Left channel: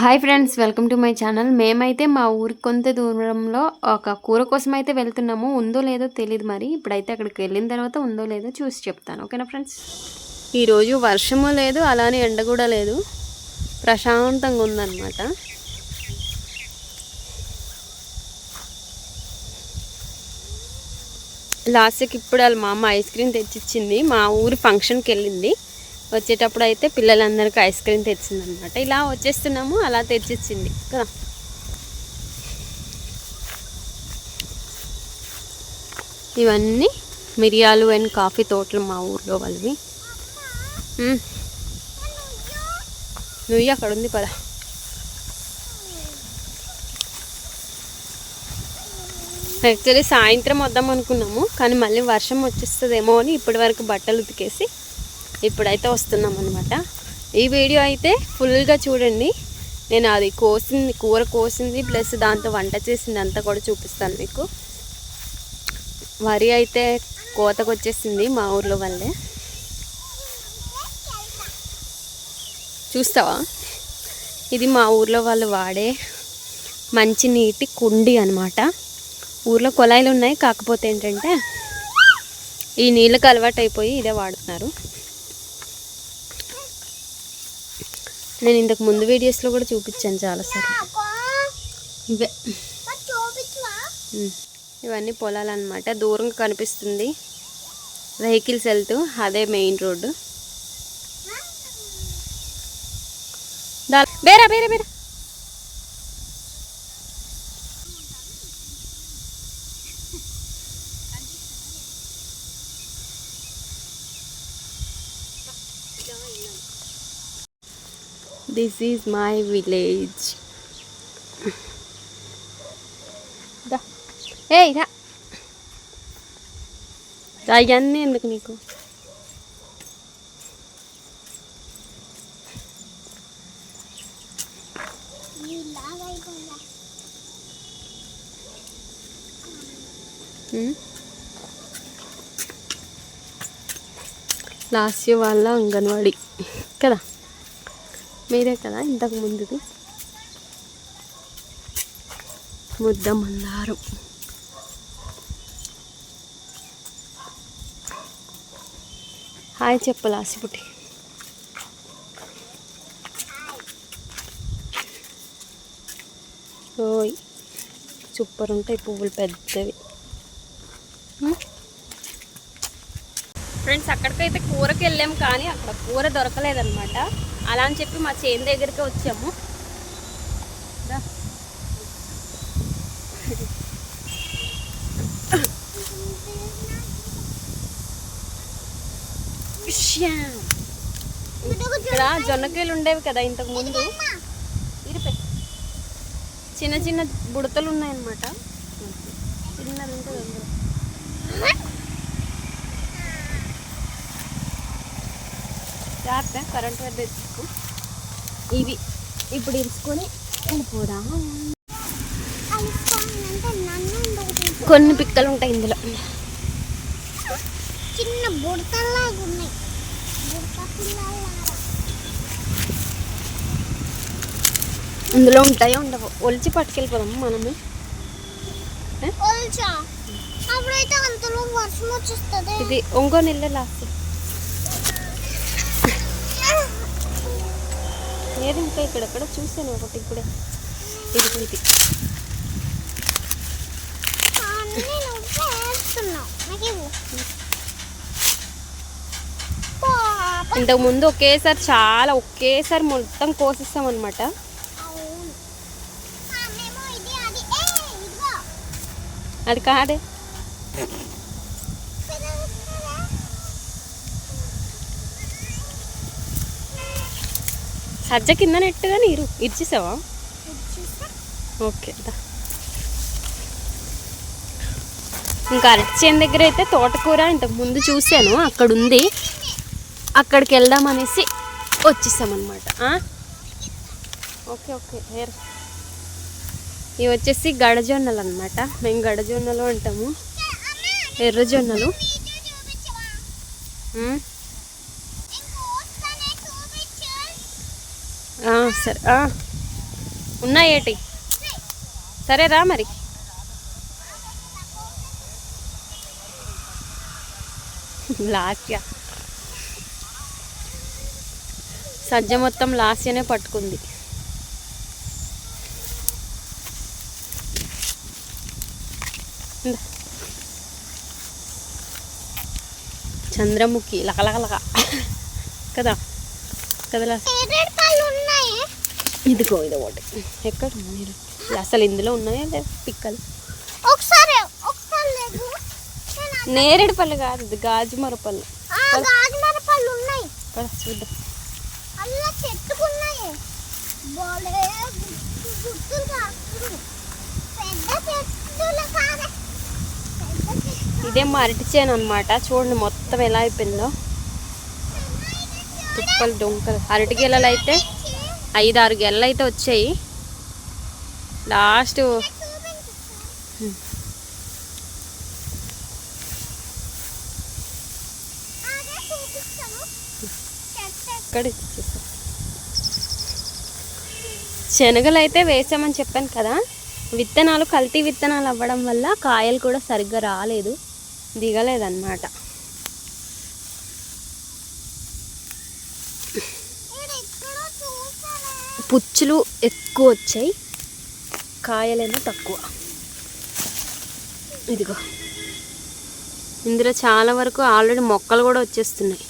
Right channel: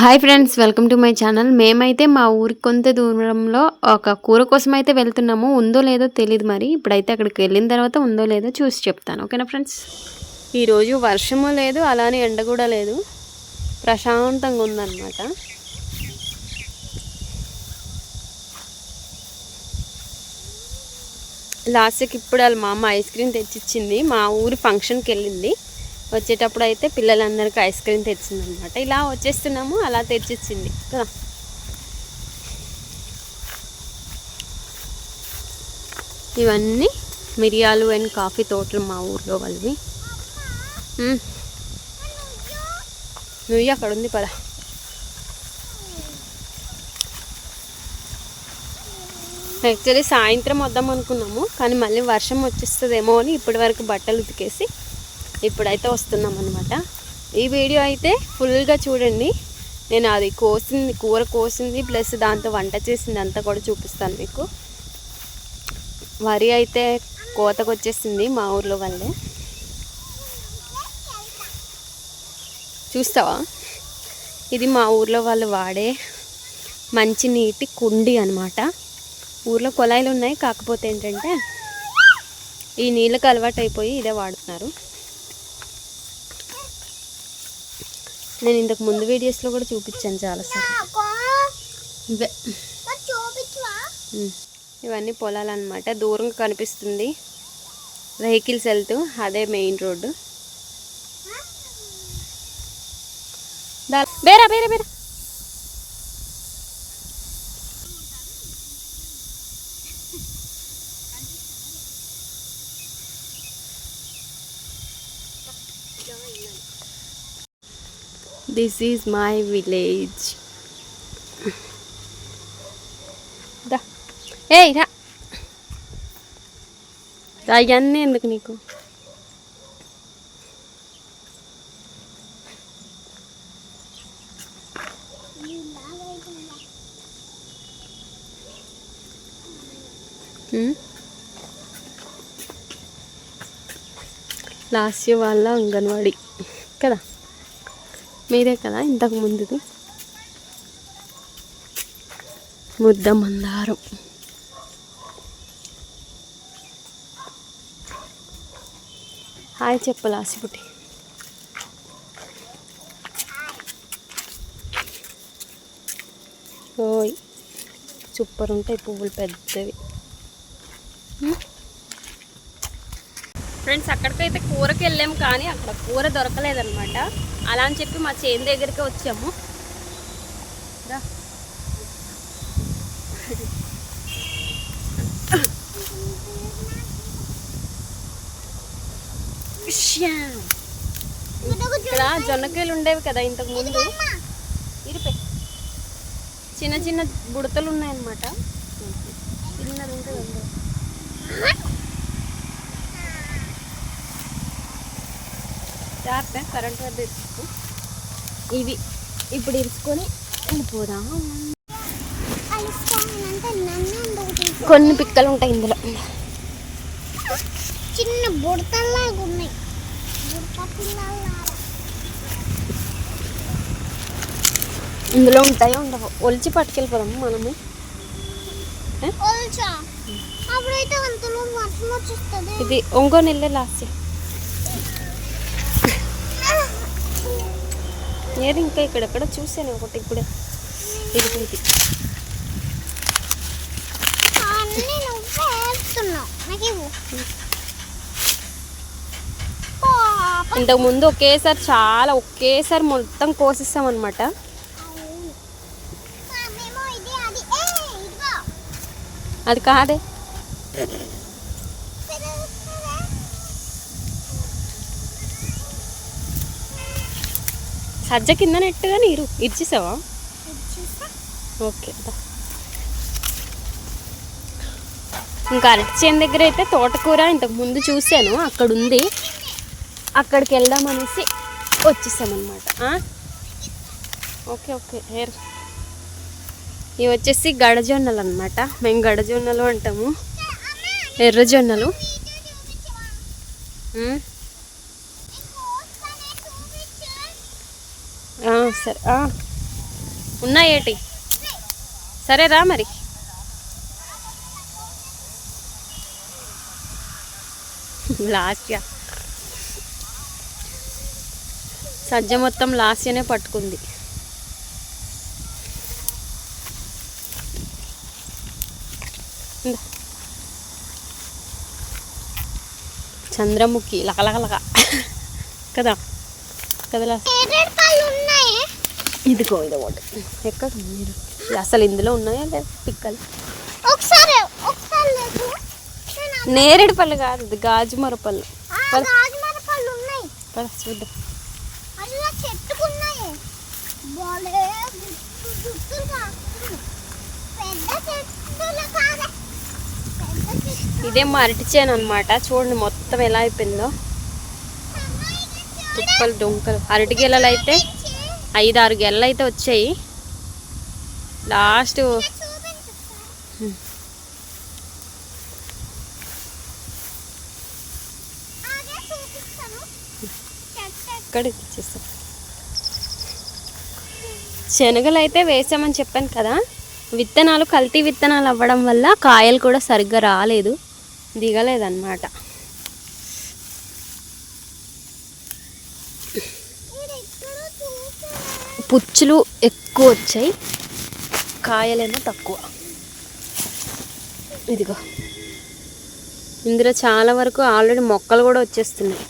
Hi friends, welcome to my channel. మేమైతే మా ఊరికి కొంత దూరంలో ఒక కూర కోసం అయితే వెళ్తున్నాము. ఉందో లేదో తెలియదు, మరి ఇప్పుడైతే అక్కడికి వెళ్ళిన తర్వాత ఉందో లేదో చూసి చెప్తాను. ఓకేనా ఫ్రెండ్స్? ఈరోజు వర్షము లేదు, అలానే ఎండ కూడా లేదు, ప్రశాంతంగా ఉందన్నమాట. లాస్ట్కి ఇప్పుడు వాళ్ళ మా అమ్మ ఐస్ క్రీమ్ తెచ్చిచ్చింది. మా ఊరు ఫంక్షన్కి వెళ్ళింది. వచ్చేటప్పుడు అయితే పిల్లలందరికీ ఐస్ క్రీమ్ తెచ్చింది అనమాట. ఇలా వచ్చేస్తున్నాము, అలా తెచ్చిచ్చింది కదా. ఇవన్నీ మిరియాలు అండ్ కాఫీ తోటలు మా ఊర్లో వాళ్ళవి. నువ్వు అక్కడ ఉంది పదా. యాక్చువల్లీ సాయంత్రం వద్దాం అనుకున్నాము, కానీ మళ్ళీ వర్షం వచ్చేస్తుందేమో అని ఇప్పటి వరకు బట్టలు ఉతికేసి ఇప్పుడైతే వస్తున్నాం అనమాట. ఈ వీడియో అయితే ఫుల్గా చూడండి. నేను అది కోసింది, కూర కోసింది ప్లస్ దాంతో వంట చేసింది అంతా కూడా చూపిస్తాను మీకు. వరి అయితే కోతకు వచ్చేసింది మా ఊర్లో వాళ్ళే. చూస్తావా? ఇది మా ఊర్లో వాళ్ళు వాడే మంచి నీటి కుండి అనమాట. ఊర్లో కొలాయిలు ఉన్నాయి, కాకపోతే ఏంటంటే ఈ నీళ్ళకి అలవాటు అయిపోయి ఇదే వాడుతున్నారు. నేను ఇంతకు ముందు వీడియోస్లో కూడా చూపించాను చాలాసార్లు. ఇవే ఇవన్నీ పొలాలు అనమాట. దూరంగా కనిపిస్తుంది వెహికల్స్ వెళ్తూ, అదే మెయిన్ రోడ్డు. బేరా బేరా బేరా. This is my village. Da. Hey, da. Iyanni enduku నీకు? లాస్ట్ వాళ్ళ అంగన్వాడీ కదా, మీరే కదా ఇంతకు ముందుది. ముద్ద మందారం. హాయ్ చెప్పు లాసిపుట్టి. ఓయ్ సూపర్ ఉంటాయి పువ్వులు పెద్దవి. ఫ్రెండ్స్, అక్కడికైతే కూరకి వెళ్ళాము, కానీ అక్కడ కూర దొరకలేదన్నమాట. అలా అని చెప్పి మా చేను దగ్గరికి వచ్చాము. ఇక్కడ జొన్నకాయలు ఉండేవి కదా ఇంతకు ముందు, ఇరిపే చిన్న చిన్న బుడతలు ఉన్నాయన్నమాట. చిన్నది ఉంటుంది అందులో. జాగ్రత్త, కరెంట్ వద్ద ఇరుచుకో. ఇవి ఇప్పుడు ఇరుచుకొని వెళ్ళిపోదాం. కొన్ని పిక్కలు ఉంటాయి ఇందులో, చిన్న బుడతల్లాగా ఉన్నాయి. ఇందులో ఉంటాయో ఉండవు, ఒలిచి పట్టుకెళ్ళిపోదాం మనమే. ఇది ఒంగో నెల లాస్ట్ ఏది. ఇంకా ఇక్కడెక్కడ చూసాను ఒకటి, ఇప్పుడే ఇది. ఇంతకు ముందు ఒకేసారి మొత్తం కోసిస్తాం అనమాట. అది కాదే, సజ్జ కింద నెట్టుగా నీరు ఇచ్చేసావా? ఓకే. ఇంకా అరటి చేను దగ్గర అయితే తోటకూర ఇంతకు ముందు చూశాను, అక్కడ ఉంది. అక్కడికి వెళ్దామనేసి వచ్చేసామన్నమాట. Okay okay. ఇవి వచ్చేసి గడజొన్నలు అనమాట. మేము గడజొన్నలు అంటాము, ఎర్రజొన్నలు. సరే ఉన్నాయేటి? సరేరా మరి. లాస్యా సజ్జ మొత్తం లాస్యనే పట్టుకుంది. చంద్రముఖి లకలకలక కదా కదా. ఇదిగో ఇది ఒకటి. ఎక్కడ మీరు అసలు ఇందులో ఉన్నాయా లేదా పిక్కలు? నేరేడు పళ్ళు కాదు, ఇది గాజు మరపళ్ళు. చూద్దాం. ఇదేం అరటి చేను అనమాట. చూడండి మొత్తం ఎలా అయిపోయిందో. తుప్పలు దొంకలు. అరటి గెలలు అయితే 5-6 గెలలు అయితే వచ్చాయి. లాస్ట్ శనగలు అయితే వేసామని చెప్పాను కదా. విత్తనాలు కల్తీ విత్తనాలు అవ్వడం వల్ల కాయలు కూడా సరిగ్గా రాలేదు, దిగలేదన్నమాట. పుచ్చులు ఎక్కువ వచ్చాయి, కాయలేమో తక్కువ. ఇదిగో ఇందులో చాలా వరకు ఆల్రెడీ మొక్కలు కూడా వచ్చేస్తున్నాయి.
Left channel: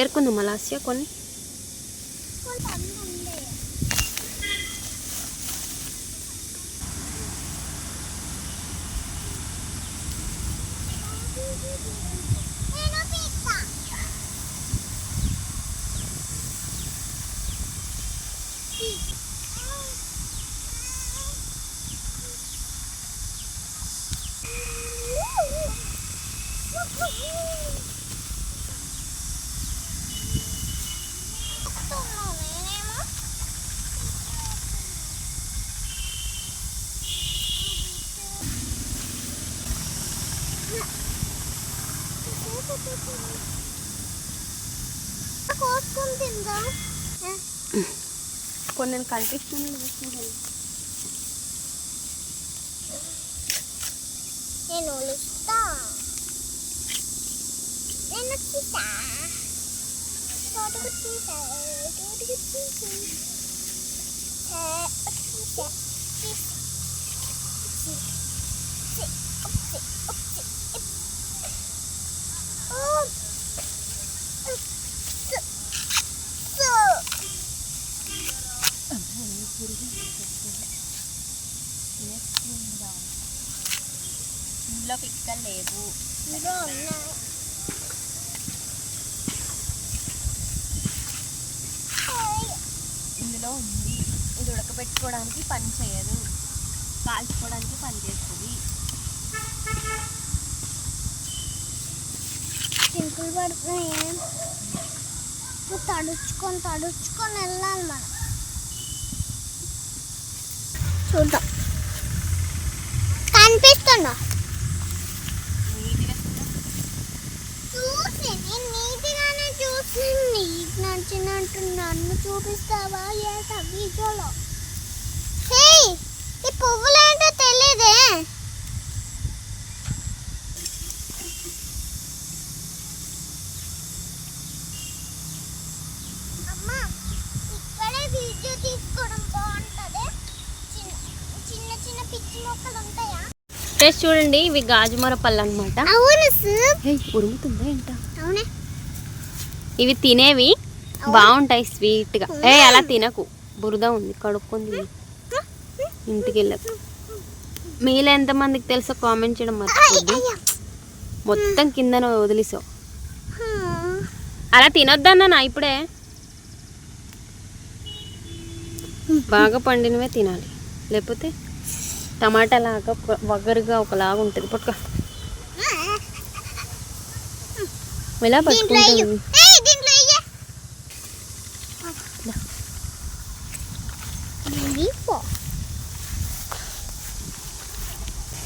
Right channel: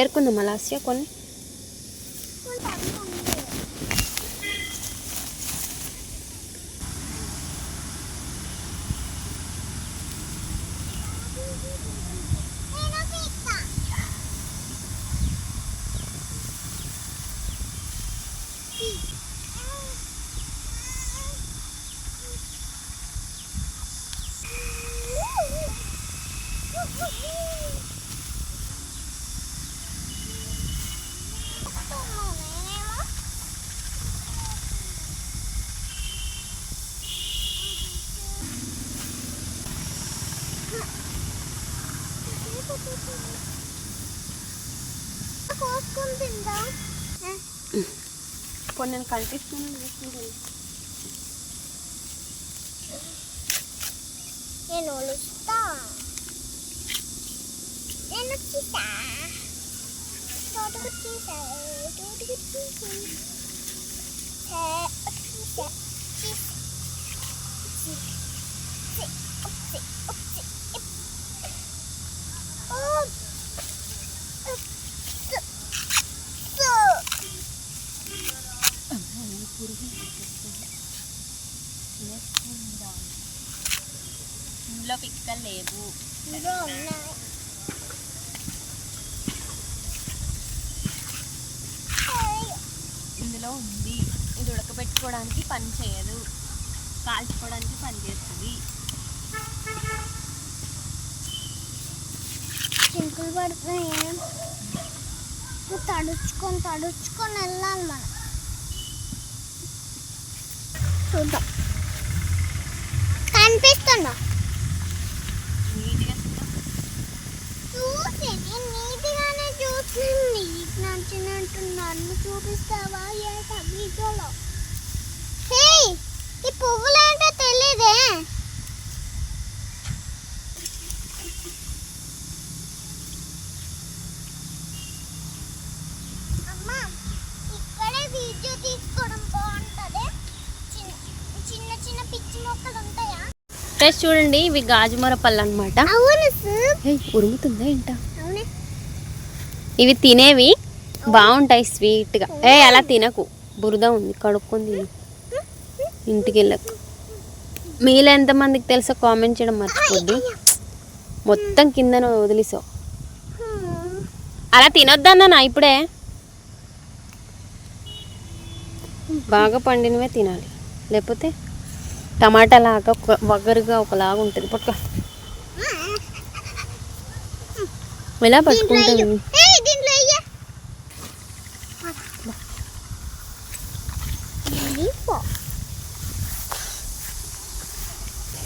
ఏరుకుందాం అలాస్య కొన్ని. కొన్ని కనిపిస్తుంది. నేను ఒలుస్తా. నేను వచ్చేసా. తోటకు వచ్చేసా. తోటకు వచ్చేసా. ఇందులో పిక్కలు లేవు, ఇందులో ఉంది. ఇది ఉడకబెట్టుకోవడానికి పని చేయదు, కాల్చుకోవడానికి పని చేస్తుంది. చింకులు పడుతున్నాయి. తడుచుకొని వెళ్ళాలి మనం. చూద్దాం. కనిపిస్తున్నా చూసి నేను నీట్గానే చూసి నీకు నచ్చినట్టు నన్ను చూపిస్తావా? వీడియోలో ఈ పువ్వులేంటో తెలీదే. అమ్మా ఇక్కడే వీడియో తీసుకోవడం బాగుంటుంది. చిన్న చిన్న పిచ్చి మొక్కలు ఉంటాయా? ఫ్రెష్ చూడండి, ఇవి గాజుమర పళ్ళు అనమాట. ఉరుముతుందా ఇంట? ఇవి తినేవి బాగుంటాయి స్వీట్గా. అలా తినకు, బురద ఉంది, కడుక్కుంది. ఇంటికి వెళ్ళకు. మీలో ఎంతమందికి తెలుసో కామెంట్ చేయడం మర్చిపోద్ది. మొత్తం కిందన వదిలేసావు. అలా తినొద్దన్నా ఇప్పుడే. బాగా పండినవే తినాలి, లేకపోతే టమాటా లాగా వగరుగా ఒకలాగా ఉంటుంది. పట్టుకో, ఎలా పట్టుకుంటుంది?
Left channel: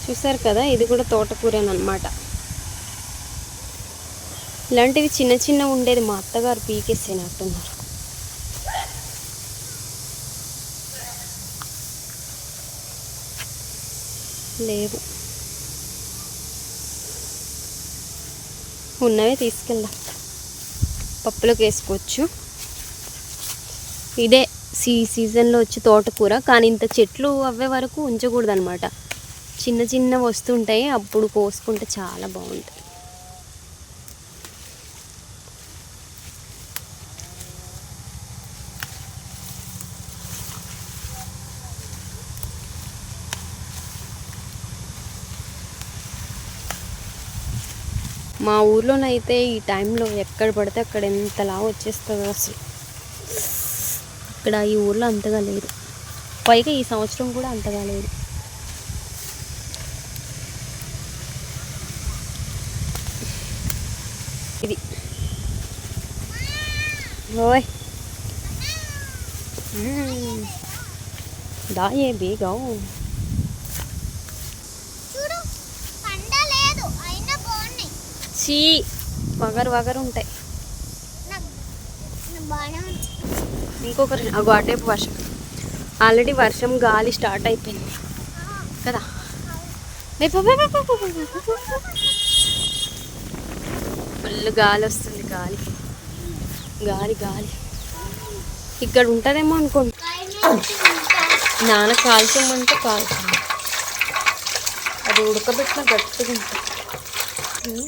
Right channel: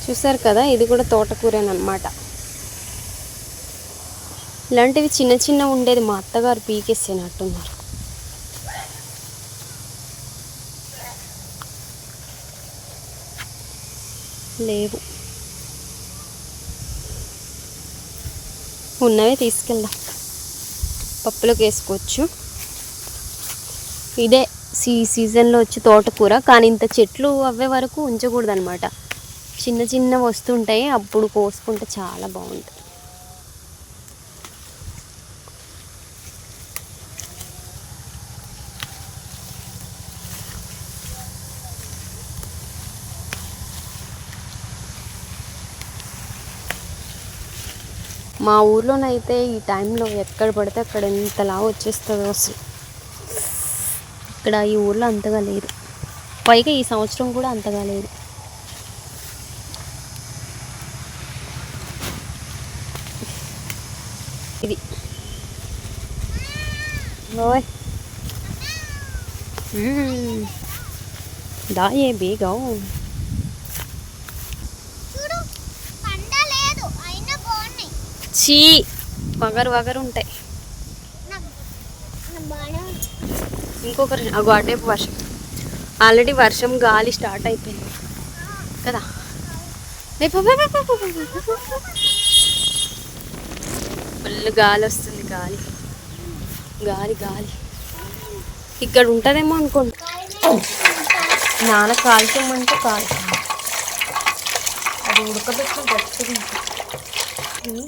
చూసారు కదా, ఇది కూడా తోటకూరేనమాట. ఇలాంటివి చిన్న చిన్న ఉండేది మా అత్తగారు పీకేసేనట్టున్నారు. లేవు, ఉన్నవి తీసుకెళ్దాం, పప్పులోకి వేసుకోవచ్చు. ఇదే సీజన్లో వచ్చి తోటకూర, కానీ ఇంత చెట్లు అవ్వే వరకు ఉంచకూడదు అనమాట. చిన్న చిన్న వస్తుంటాయి, అప్పుడు కోసుకుంటే చాలా బాగుంటుంది. మా ఊర్లోనైతే ఈ టైంలో ఎక్కడ పడితే అక్కడ ఎంతలా వచ్చేస్తుందో అసలు. ఇక్కడ ఈ ఊర్లో అంతగా లేదు, పైగా ఈ సంవత్సరం కూడా అంతగా లేదు. ఇది ఓయ్ దాయే బేగా చీ వగరు వగరు ఉంటాయి. ఇంకొకరు అగో అటేపు వర్షం, ఆల్రెడీ వర్షం గాలి స్టార్ట్ అయిపోయింది కదా. ఫుల్ గాలి వస్తుంది, గాలి గాలి గాలి. ఇక్కడ ఉంటుందేమో అనుకోండి. నాన్న కాల్చమంటే కాల్చింది, అది ఉడకబెట్టిన గట్టిగా ఉంటుంది.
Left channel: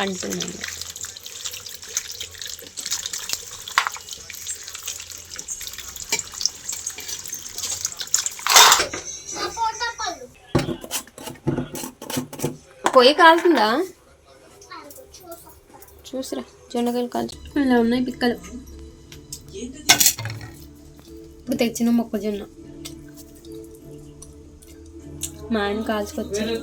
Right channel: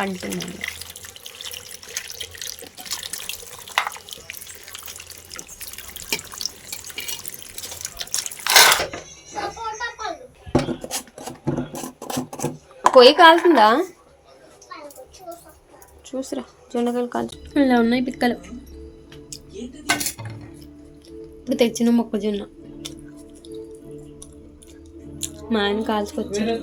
అంటున్నాను పొయ్యి కాలుతుందా? చూసిరా, జొన్నకాయలు కాల్చు. ఇలా ఉన్నాయి పిక్కలు. ఇప్పుడు తెచ్చిన మొక్కజొన్న మా ఆయన కాల్చుకొచ్చారు.